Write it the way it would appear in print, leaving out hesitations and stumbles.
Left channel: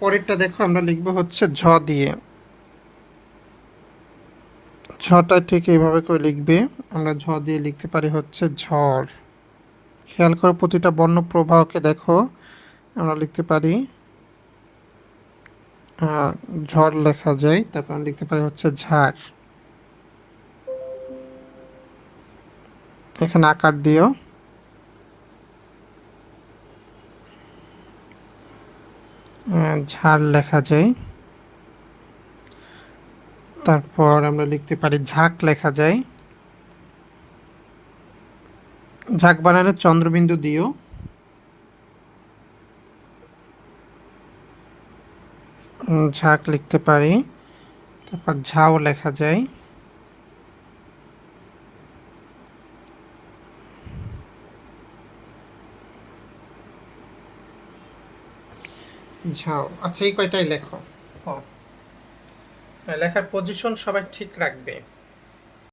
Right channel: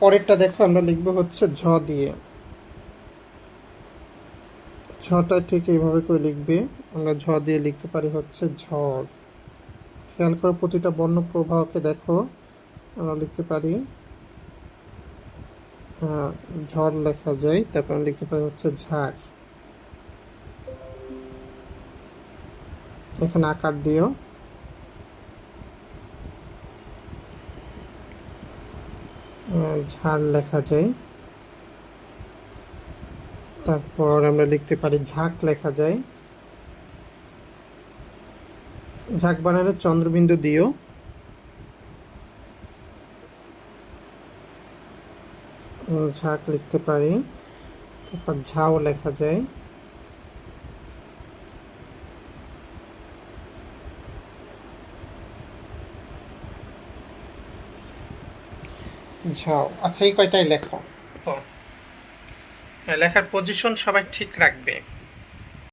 পরেরটা দেখো, আমরা লিখবো হচ্ছে ঝ দিয়ে। ঝটা ঠিক এইভাবে করে লিখবে। আমরা ঝ দিয়ে লিখতে পারি হচ্ছে ঝড়। খেয়াল করে প্রতিটা বর্ণ প্রবাহকে দেখো, আমরা লিখতে পারি ঝড় লেখা যায়, তারপর আমরা লিখতে পারি হচ্ছে ঝাড়। এখানে আকার দিও, ঝাড় লেখা যায়। তারপর আমরা লিখতে পারি ঝাঁক লেখা যায়। ঝাঁক বানানো চন্দ্রবিন্দু দিও। ঝাঁক লিখতে পারি। তারপর ঝাও লেখা যায়। ঝাও। আচ্ছা, এই কয়টাই লেখো। লেখার পজিশন সবাই ঠিক রাখবে।